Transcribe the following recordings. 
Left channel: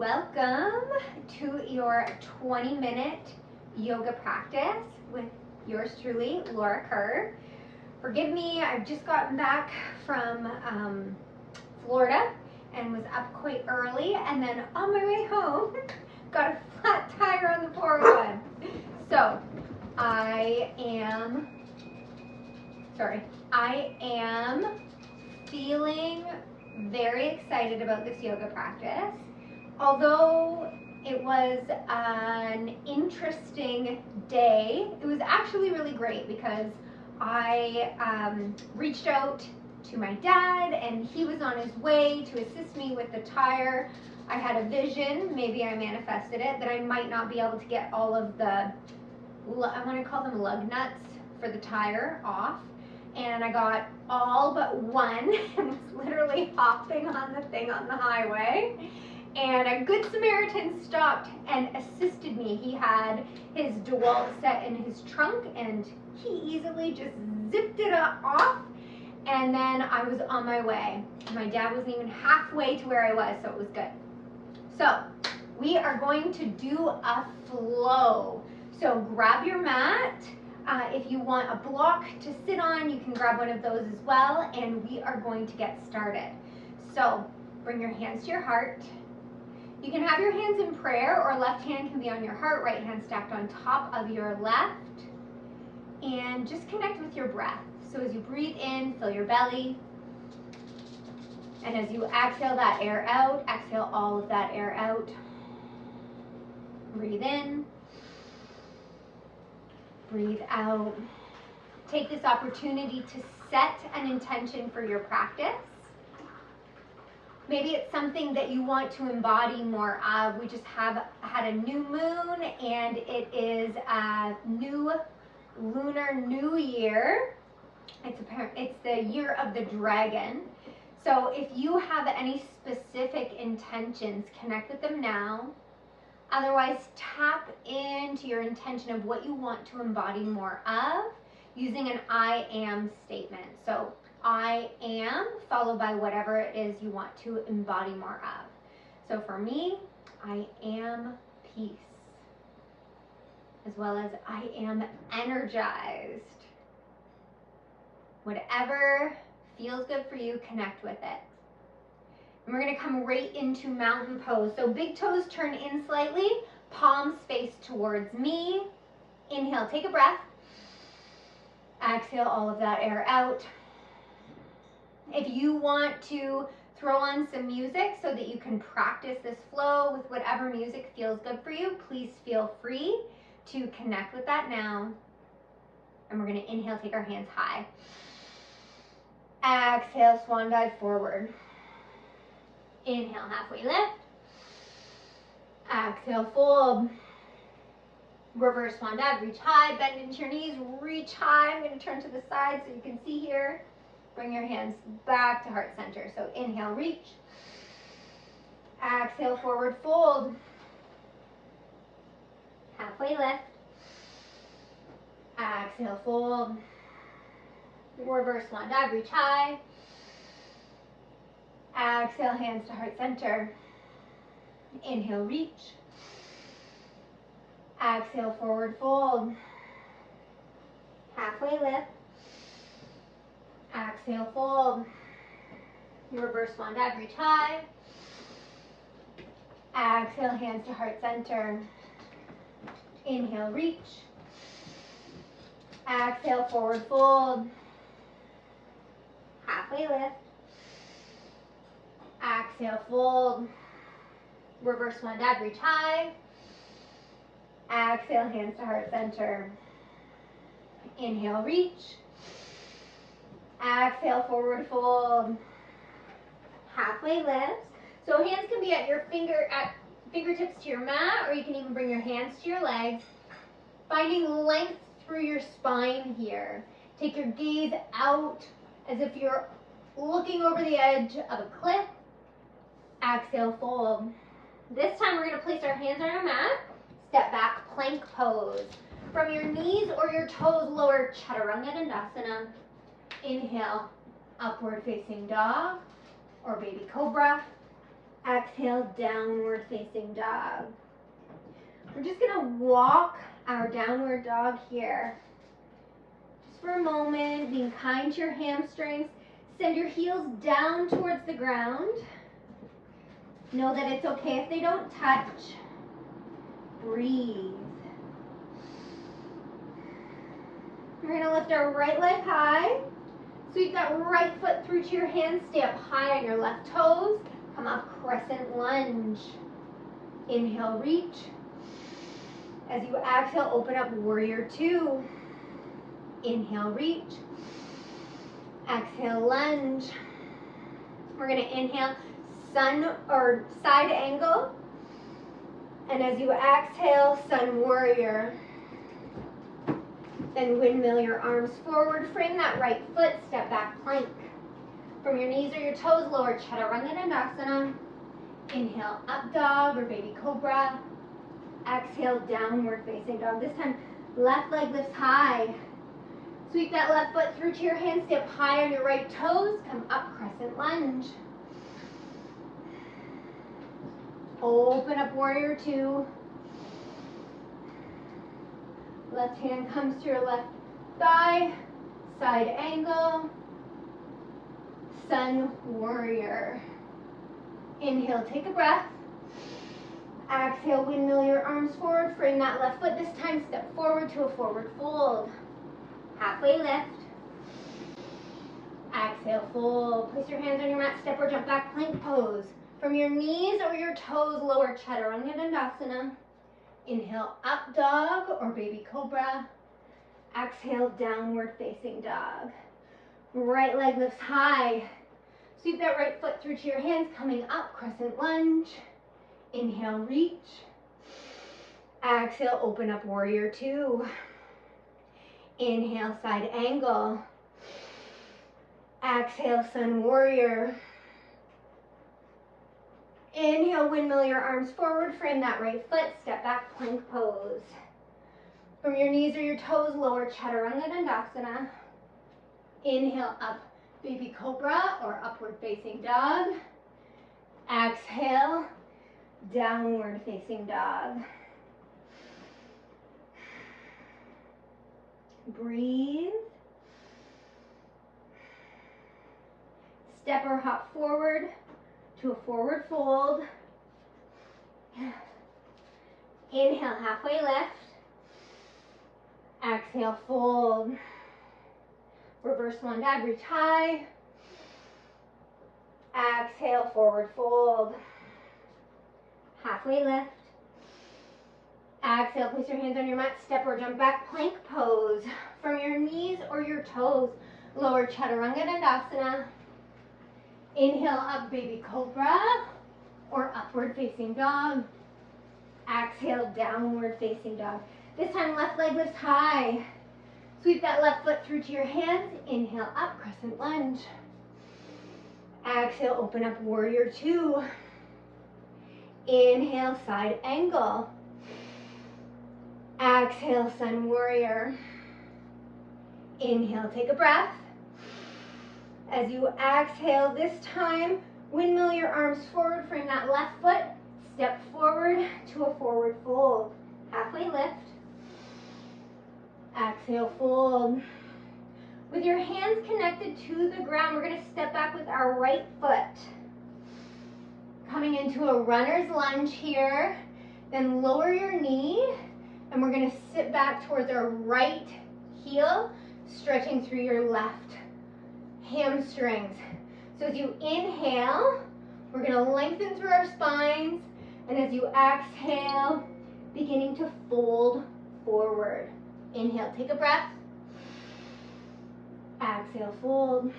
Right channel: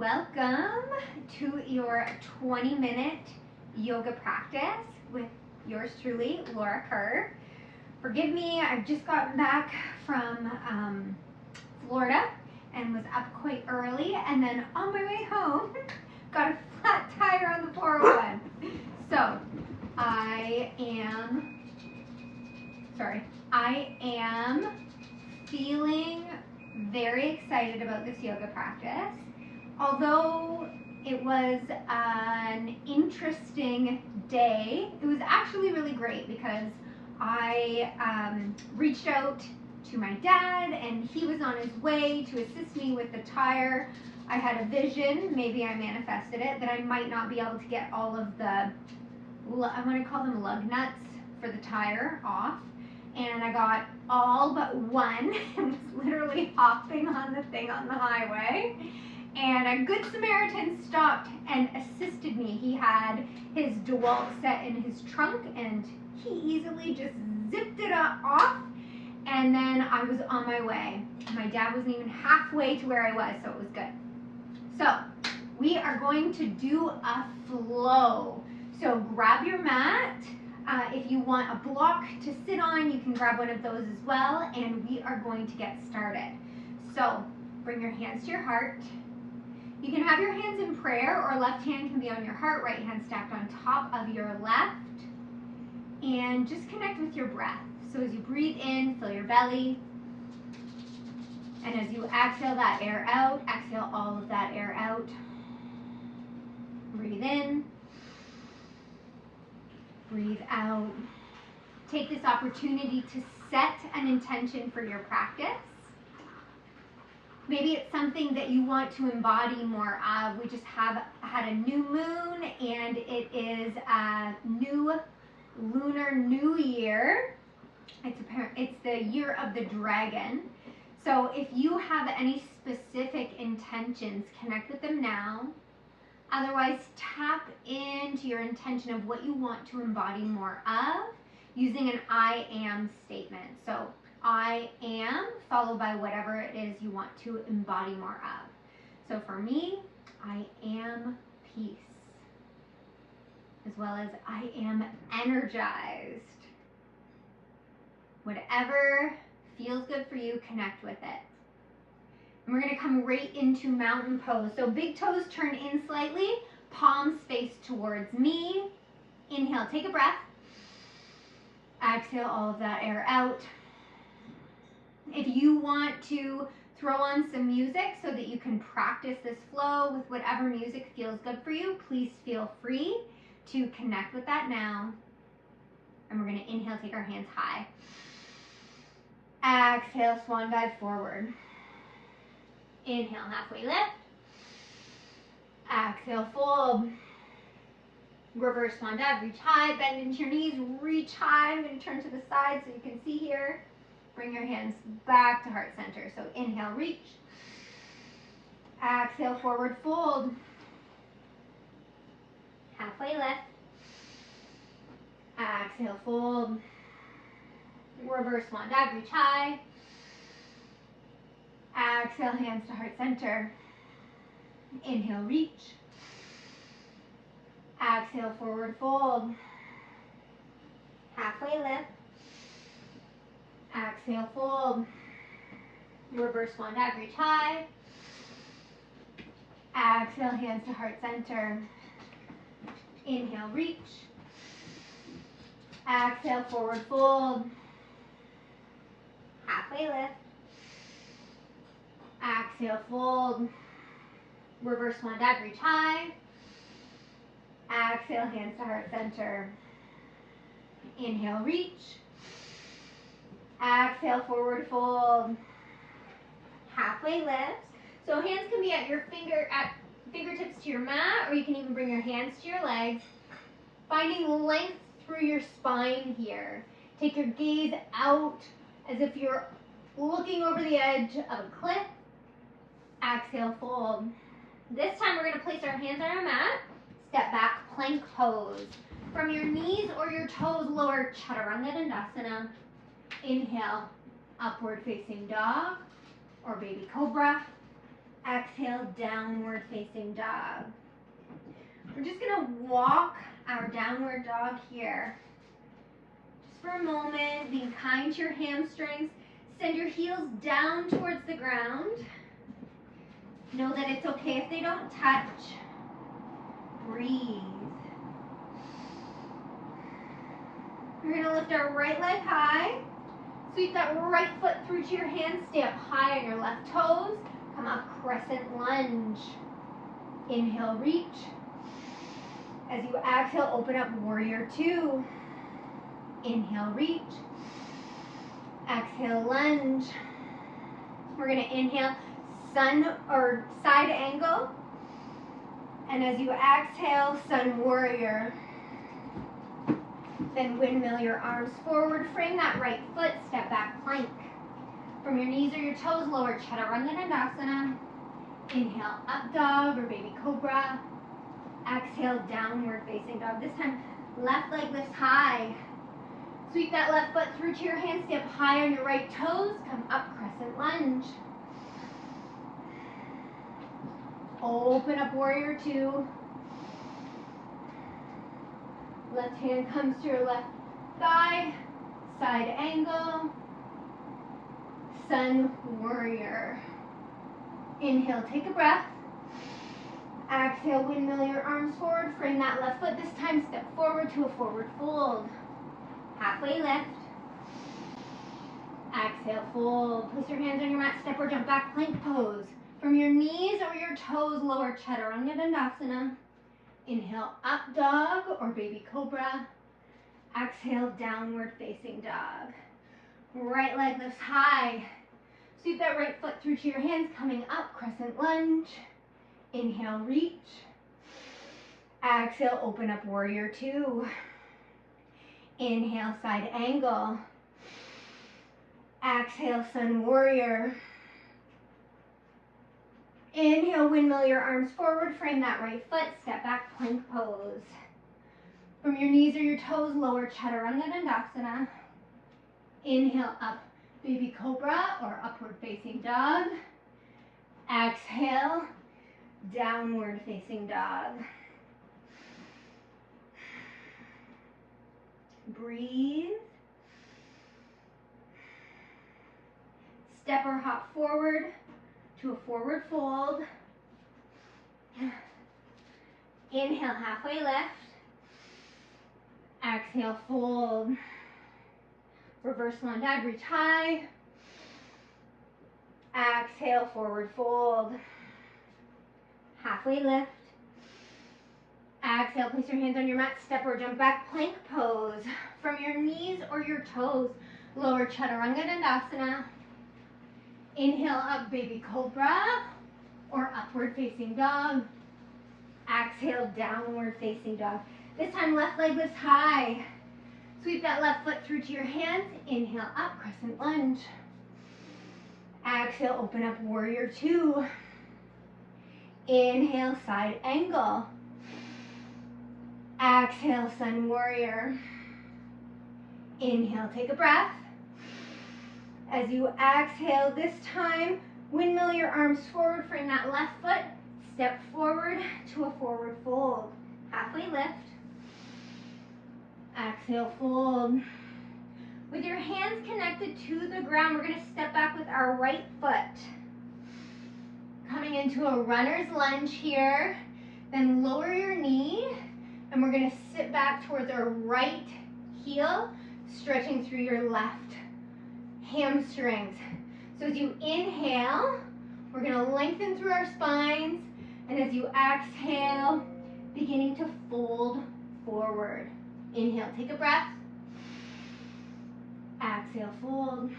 Welcome to your 20-minute yoga practice with yours truly, Laura Kerr. Forgive me, I've just gotten back from Florida and was up quite early, and then on my way home, got a flat tire on the 401. So I am feeling very excited about this yoga practice. Although it was an interesting day, it was actually really great because I reached out to my dad and he was on his way to assist me with the tire. I had a vision, maybe I manifested it, that I might not be able to get all of the, I want to call them lug nuts for the tire off. And I got all but one and was literally hopping on the thing on the highway. And a good Samaritan stopped and assisted me. He had his DeWalt set in his trunk and he easily just zipped it off, and then I was on my way. My dad wasn't even halfway to where I was, so it was good. So we are going to do a flow. So grab your mat. If you want a block to sit on, you can grab one of those as well, and we are going to get started. So bring your hands to your heart. You can have your hands in prayer, or left hand can be on your heart, right hand stacked on top of your left. And just connect with your breath. So as you breathe in, fill your belly. And as you exhale that air out, exhale all of that air out. Breathe in. Breathe out. Take this opportunity to set an intention for your practice. Maybe it's something that you want to embody more of. We just had a new moon, and it is a new lunar new year. It's the year of the dragon. So if you have any specific intentions, connect with them now. Otherwise, tap into your intention of what you want to embody more of using an I am statement. So I am, followed by whatever it is you want to embody more of. So for me, I am peace, as well as I am energized. Whatever feels good for you, connect with it. And we're going to come right into mountain pose. So big toes turn in slightly, palms face towards me. Inhale, take a breath. Exhale all of that air out. If you want to throw on some music so that you can practice this flow with whatever music feels good for you, please feel free to connect with that now. And we're going to inhale, take our hands high. Exhale, swan dive forward. Inhale, halfway lift. Exhale, fold. Reverse swan dive, reach high, bend into your knees, reach high. I'm going to turn to the side so you can see here. Bring your hands back to heart center. So inhale, reach. Exhale, forward fold. Halfway lift. Exhale, fold. Reverse swan dive, reach high. Exhale, hands to heart center. Inhale, reach. Exhale, forward fold. Halfway lift. Exhale, fold. Reverse swan dive, reach high. Exhale, hands to heart center. Inhale, reach. Exhale, forward fold. Halfway lift. Exhale, fold. Reverse swan dive, reach high. Exhale, hands to heart center. Inhale, reach. Exhale, forward fold. Halfway lift. So hands can be at your fingertips to your mat, or you can even bring your hands to your legs. Finding length through your spine here. Take your gaze out as if you're looking over the edge of a cliff. Exhale, fold. This time we're going to place our hands on our mat. Step back, plank pose. From your knees or your toes, lower Chaturanga Dandasana. Inhale, upward facing dog or baby cobra. Exhale, downward facing dog. We're just gonna walk our downward dog here. Just for a moment, being kind to your hamstrings. Send your heels down towards the ground. Know that it's okay if they don't touch. Breathe. We're gonna lift our right leg high. Sweep that right foot through to your hands. Stay up high on your left toes. Come up, crescent lunge. Inhale, reach. As you exhale, open up, warrior two. Inhale, reach. Exhale, lunge. We're gonna inhale, sun or side angle. And as you exhale, sun warrior. Then windmill your arms forward, frame that right foot, step back plank. From your knees or your toes, lower Chaturanga Dandasana. Inhale, up dog or baby cobra. Exhale, downward facing dog. This time, left leg lifts high. Sweep that left foot through to your hands, step high on your right toes, come up, crescent lunge. Open up, warrior two. Left hand comes to your left thigh, side angle, sun warrior. Inhale, take a breath. Exhale, windmill your arms forward, frame that left foot. This time, step forward to a forward fold. Halfway lift. Exhale, fold. Place your hands on your mat, step or jump back, plank pose. From your knees or your toes, lower Chaturanga Dandasana. Inhale, up dog or baby cobra. Exhale, downward facing dog. Right leg lifts high. Sweep that right foot through to your hands, coming up, crescent lunge. Inhale, reach. Exhale, open up, warrior two. Inhale, side angle. Exhale, sun warrior. Inhale, windmill your arms forward, frame that right foot, step back, plank pose. From your knees or your toes, lower Chaturanga Dandasana. Inhale, up, baby cobra or upward facing dog. Exhale, downward facing dog. Breathe. Step or hop forward to a forward fold. Inhale, halfway lift. Exhale, fold. Reverse one dad, reach high. Exhale, forward fold. Halfway lift. Exhale, place your hands on your mat, step or jump back, plank pose. From your knees or your toes, lower Chaturanga Dandasana. Inhale, up, baby cobra or upward facing dog. Exhale, downward facing dog. This time, left leg lifts high. Sweep that left foot through to your hands. Inhale, up, crescent lunge. Exhale, open up, warrior two. Inhale, side angle. Exhale, sun warrior. Inhale, take a breath. As you exhale this time, windmill your arms forward, frame that left foot, step forward to a forward fold. Halfway lift. Exhale, fold. With your hands connected to the ground, we're going to step back with our right foot. Coming into a runner's lunge here. Then lower your knee, and we're going to sit back towards our right heel, stretching through your left hamstrings. So as you inhale, we're going to lengthen through our spines, and as you exhale, beginning to fold forward. Inhale, take a breath. Exhale, fold.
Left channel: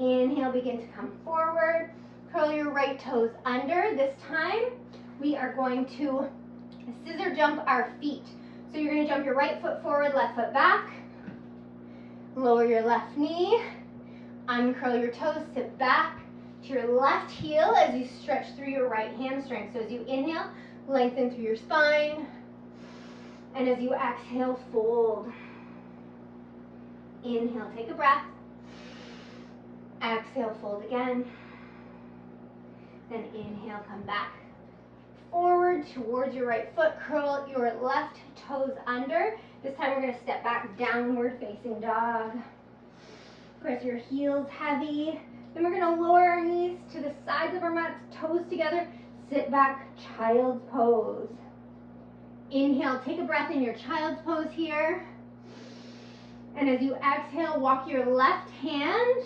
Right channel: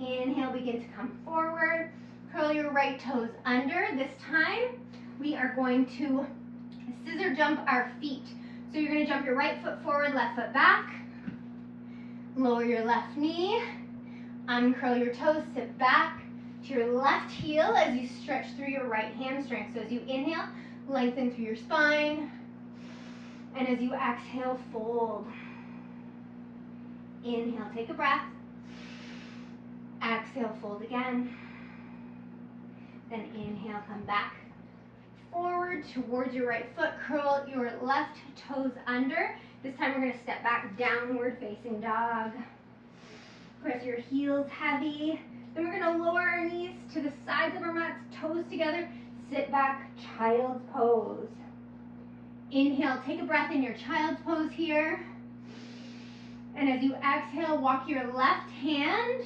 Inhale, begin to come forward. Curl your right toes under. This time, we are going to scissor jump our feet. So you're going to jump your right foot forward, left foot back. Lower your left knee. Uncurl your toes, sit back to your left heel as you stretch through your right hamstring. So as you inhale, lengthen through your spine. And as you exhale, fold. Inhale, take a breath. Exhale, fold again. Then inhale, come back forward towards your right foot, curl your left toes under. This time we're gonna step back, downward facing dog. Press your heels heavy. Then we're gonna lower our knees to the sides of our mats, toes together, sit back, child's pose. Inhale, take a breath in your child's pose here. And as you exhale, walk your left hand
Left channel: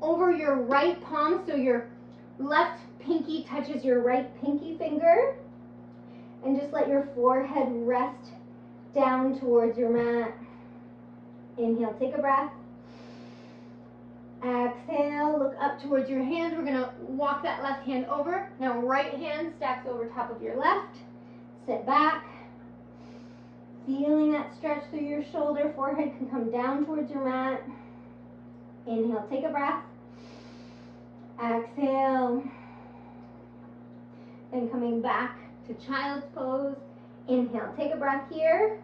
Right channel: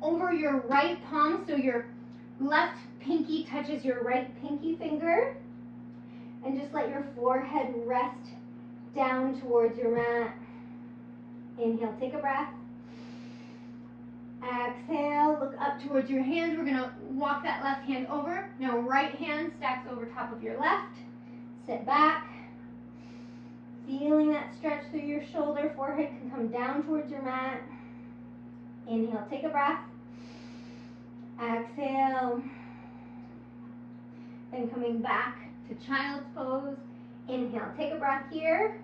over your right palm so your left pinky touches your right pinky finger. And just let your forehead rest down towards your mat. Inhale, take a breath. Exhale, look up towards your hands. We're gonna walk that left hand over. Now right hand stacks over top of your left. Sit back. Feeling that stretch through your shoulder. Forehead can come down towards your mat. Inhale, take a breath. Exhale. Then coming back to child's pose. Inhale, take a breath here.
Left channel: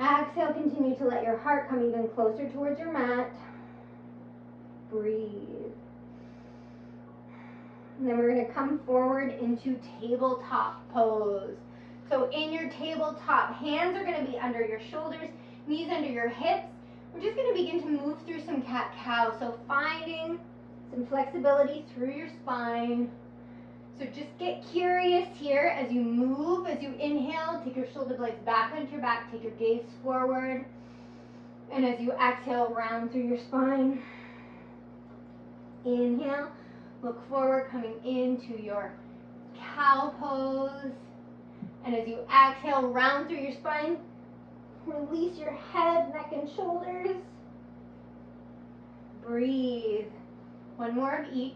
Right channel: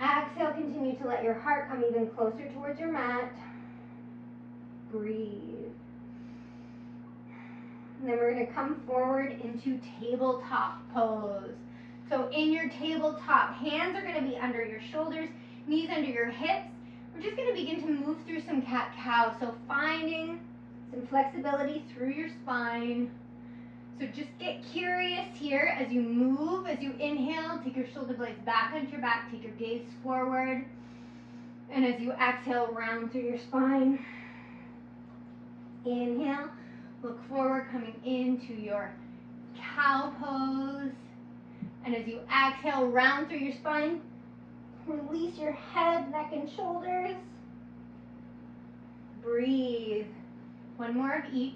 Exhale, continue to let your heart come even closer towards your mat. Breathe. And then we're gonna come forward into tabletop pose. So in your tabletop, hands are gonna be under your shoulders, knees under your hips. We're just gonna begin to move through some cat-cow. So finding some flexibility through your spine. So just get curious here as you move, as you inhale, take your shoulder blades back onto your back, take your gaze forward. And as you exhale, round through your spine. Inhale, look forward, coming into your cow pose. And as you exhale, round through your spine, release your head, neck, and shoulders. Breathe. One more of each.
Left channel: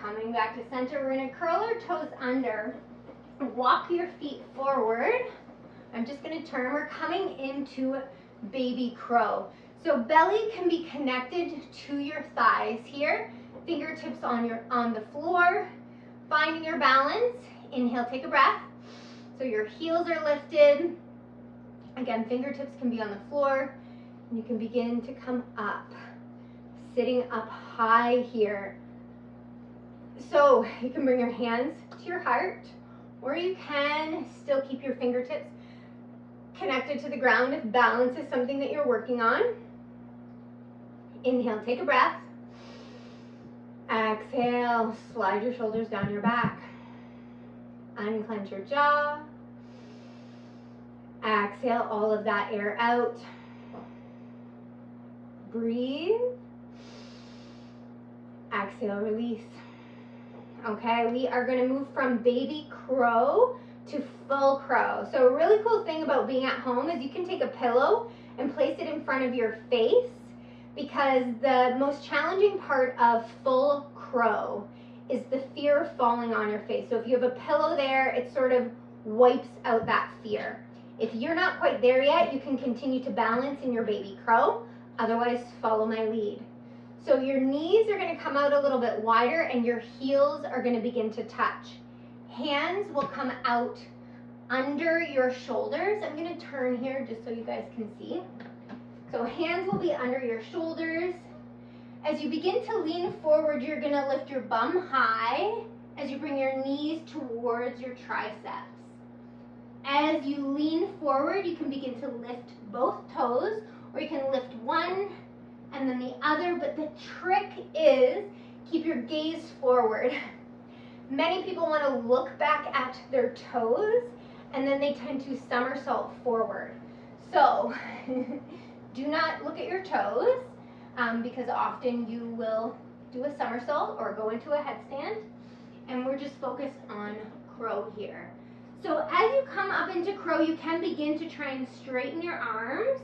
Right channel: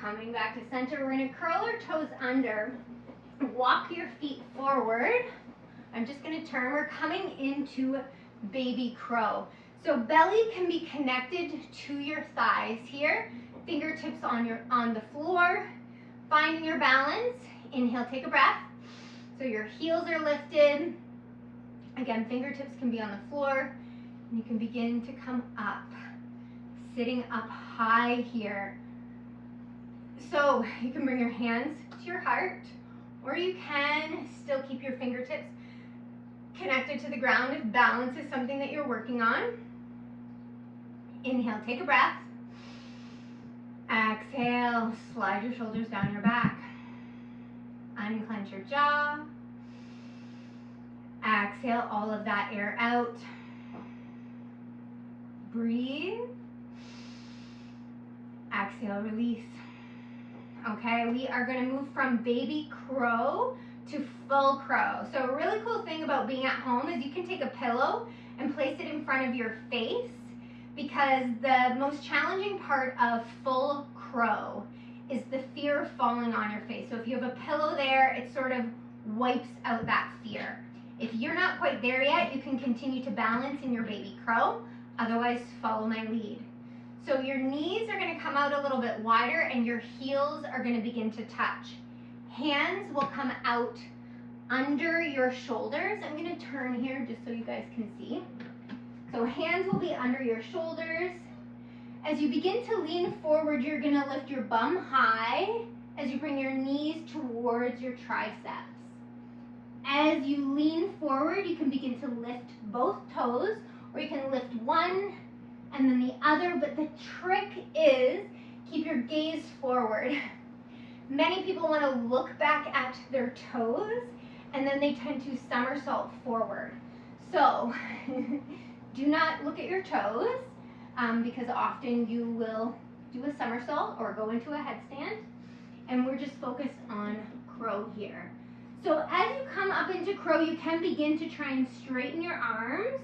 Coming back to center, we're gonna curl our toes under, walk your feet forward. I'm just gonna turn, we're coming into baby crow. So belly can be connected to your thighs here, fingertips on the floor, finding your balance. Inhale, take a breath. So your heels are lifted. Again, fingertips can be on the floor, and you can begin to come up, sitting up high here. So you can bring your hands to your heart, or you can still keep your fingertips connected to the ground if balance is something that you're working on. Inhale, take a breath. Exhale, slide your shoulders down your back. Unclench your jaw. Exhale all of that air out. Breathe. Exhale, release. Okay, we are going to move from baby crow to full crow. So a really cool thing about being at home is you can take a pillow and place it in front of your face, because the most challenging part of full crow is the fear of falling on your face. So if you have a pillow there, it sort of wipes out that fear. If you're not quite there yet, you can continue to balance in your baby crow. Otherwise, follow my lead. So your knees are going to come out a little bit wider and your heels are going to begin to touch. Hands will come out under your shoulders. I'm going to turn here just so you guys can see. So hands will be under your shoulders. As you begin to lean forward, you're going to lift your bum high as you bring your knees towards your triceps. As you lean forward, you can begin to lift both toes, or you can lift one and then the other, but the trick is keep your gaze forward. Many people want to look back at their toes and then they tend to somersault forward. So do not look at your toes because often you will do a somersault or go into a headstand, and we're just focused on crow here. So as you come up into crow, you can begin to try and straighten your arms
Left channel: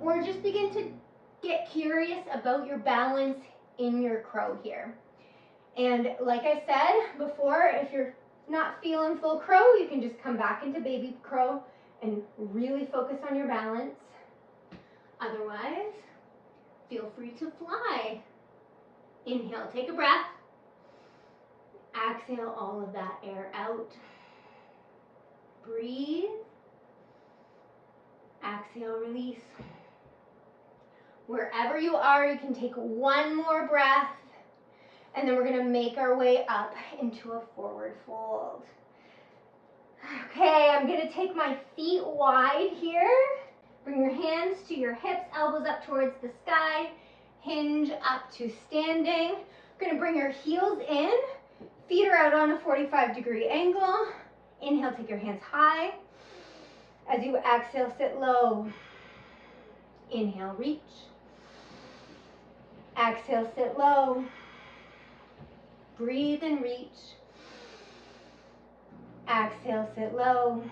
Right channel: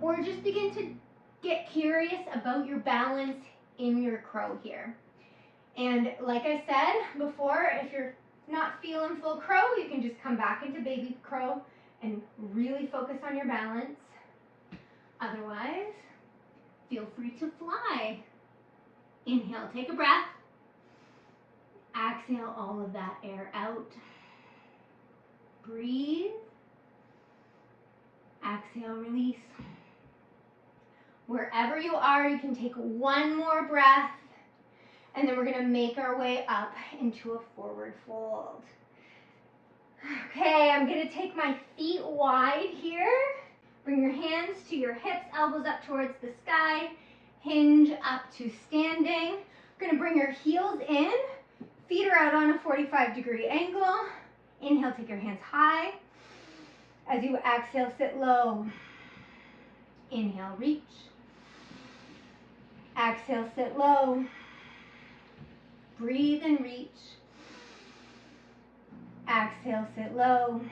or just begin to get curious about your balance in your crow here. And like I said before, if you're not feeling full crow, you can just come back into baby crow and really focus on your balance. Otherwise, feel free to fly. Inhale, take a breath. Exhale all of that air out. Breathe. Exhale, release. Wherever you are, you can take one more breath, and then we're gonna make our way up into a forward fold. Okay, I'm gonna take my feet wide here. Bring your hands to your hips, elbows up towards the sky, hinge up to standing. We're gonna bring your heels in, feet are out on a 45-degree angle. Inhale, take your hands high. As you exhale, sit low. Inhale, reach. Exhale, sit low. Breathe and reach. Exhale, sit low.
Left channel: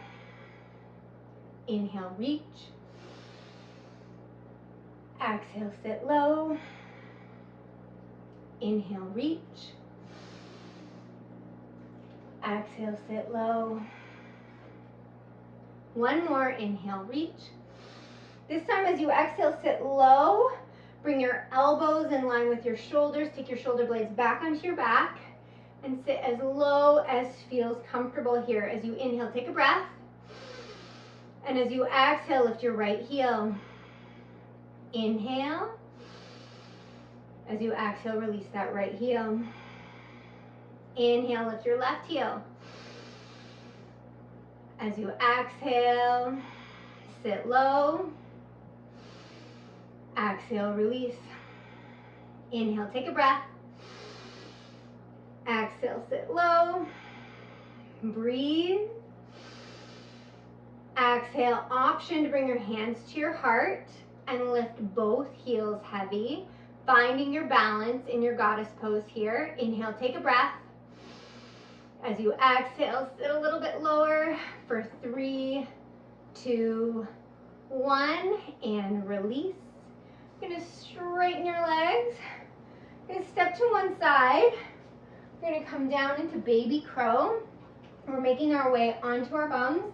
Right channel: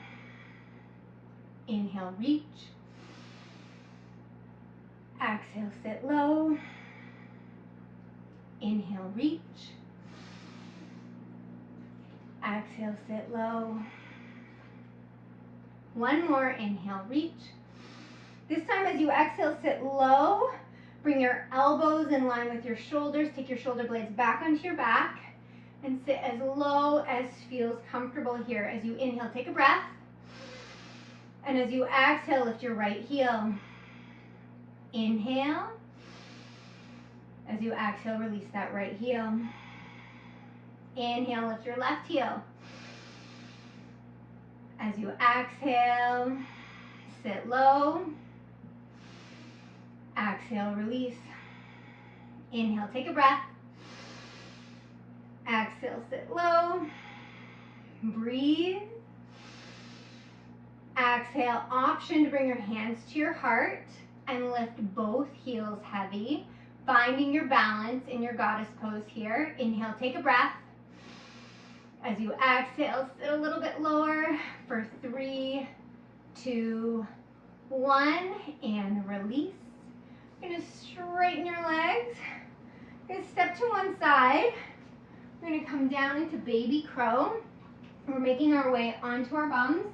Inhale, reach. Exhale, sit low. Inhale, reach. Exhale, sit low. One more, inhale, reach. This time as you exhale, sit low. Bring your elbows in line with your shoulders. Take your shoulder blades back onto your back and sit as low as feels comfortable here. As you inhale, take a breath. And as you exhale, lift your right heel. Inhale. As you exhale, release that right heel. Inhale, lift your left heel. As you exhale, sit low. Exhale, release. Inhale, take a breath. Exhale, sit low. Breathe. Exhale, option to bring your hands to your heart and lift both heels heavy, finding your balance in your goddess pose here. Inhale, take a breath. As you exhale, sit a little bit lower for 3, 2, 1, and release. You're gonna straighten your legs. You're gonna step to one side. We're gonna come down into baby crow. We're making our way onto our bums.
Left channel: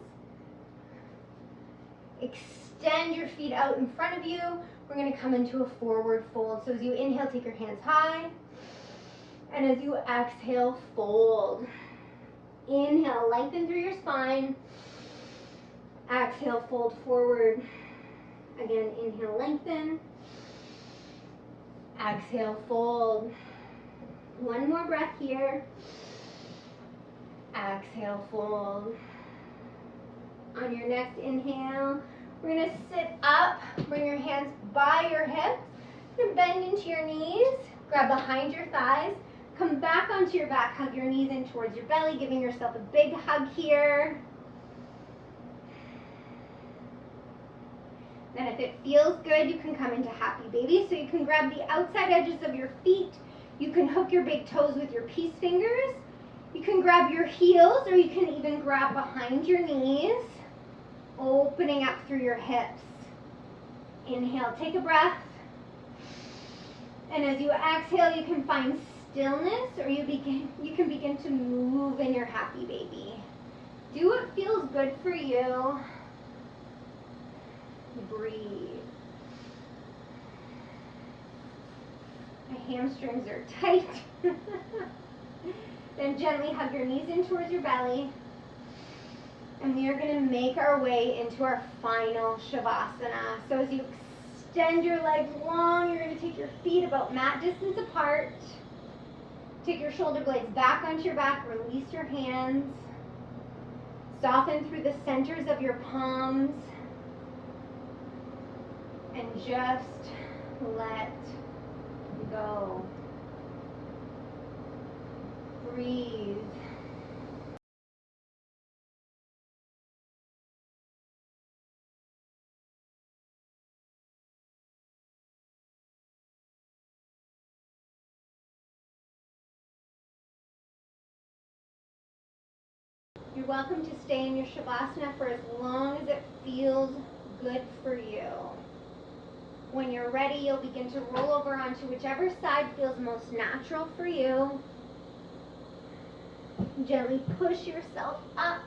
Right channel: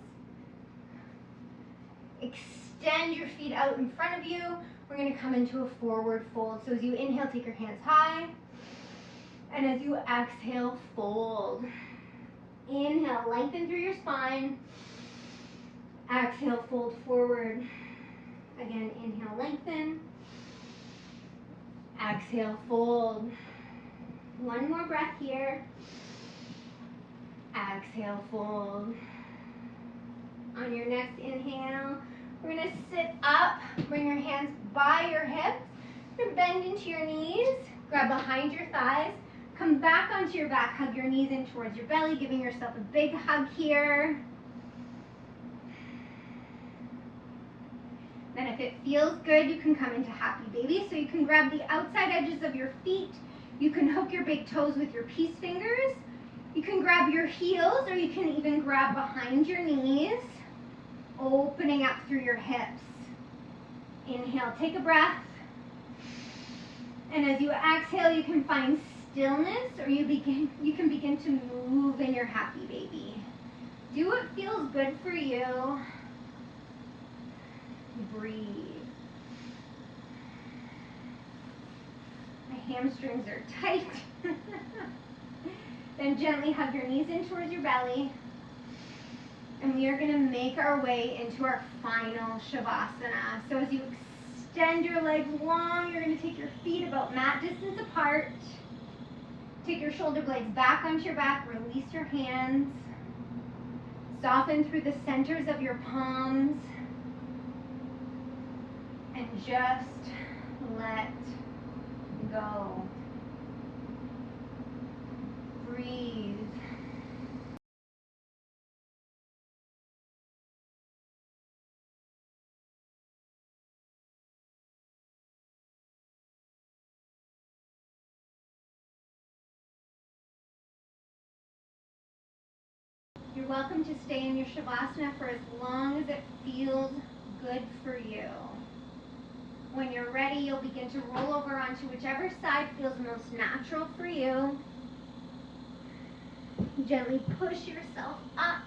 Extend your feet out in front of you. We're gonna come into a forward fold. So as you inhale, take your hands high. And as you exhale, fold. Inhale, lengthen through your spine. Exhale, fold forward. Again, inhale, lengthen. Exhale, fold. One more breath here. Exhale, fold. On your next inhale, we're gonna sit up, bring your hands by your hips. You're gonna bend into your knees, grab behind your thighs, come back onto your back, hug your knees in towards your belly, giving yourself a big hug here. Then if it feels good, you can come into happy baby. So you can grab the outside edges of your feet. You can hook your big toes with your peace fingers. You can grab your heels, or you can even grab behind your knees, opening up through your hips. Inhale, take a breath. And as you exhale, you can find stillness, or you can begin to move in your happy baby. Do what feels good for you. Breathe. My hamstrings are tight. Then gently hug your knees in towards your belly. And we are going to make our way into our final Shavasana. So as you extend your legs long, you're going to take your feet about mat distance apart. Take your shoulder blades back onto your back. Release your hands. Soften through the centers of your palms. And just let go. Breathe. You're welcome to stay in your Shavasana for as long as it feels good for you. When you're ready, you'll begin to roll over onto whichever side feels most natural for you. Gently push yourself up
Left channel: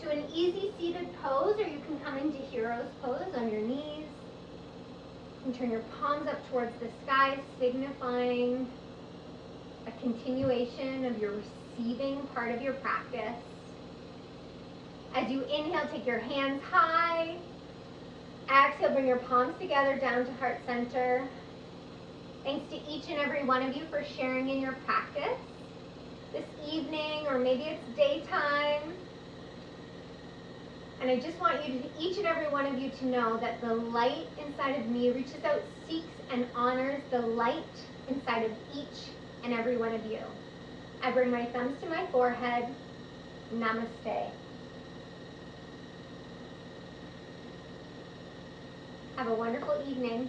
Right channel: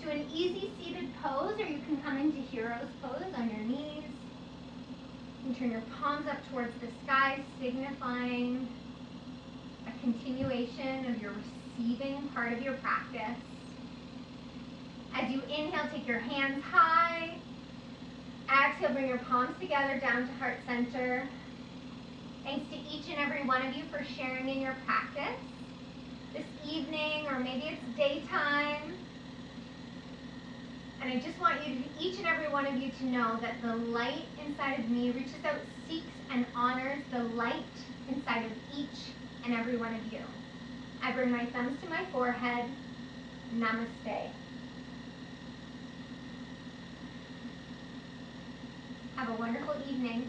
to an easy seated pose, or you can come into hero's pose on your knees. And turn your palms up towards the sky, signifying a continuation of your receiving part of your practice. As you inhale, take your hands high. Exhale, bring your palms together down to heart center. Thanks to each and every one of you for sharing in your practice this evening, or maybe it's daytime. And I just want you to, each and every one of you, to know that the light inside of me reaches out, seeks, and honors the light inside of each and every one of you. I bring my thumbs to my forehead. Namaste. Have a wonderful evening.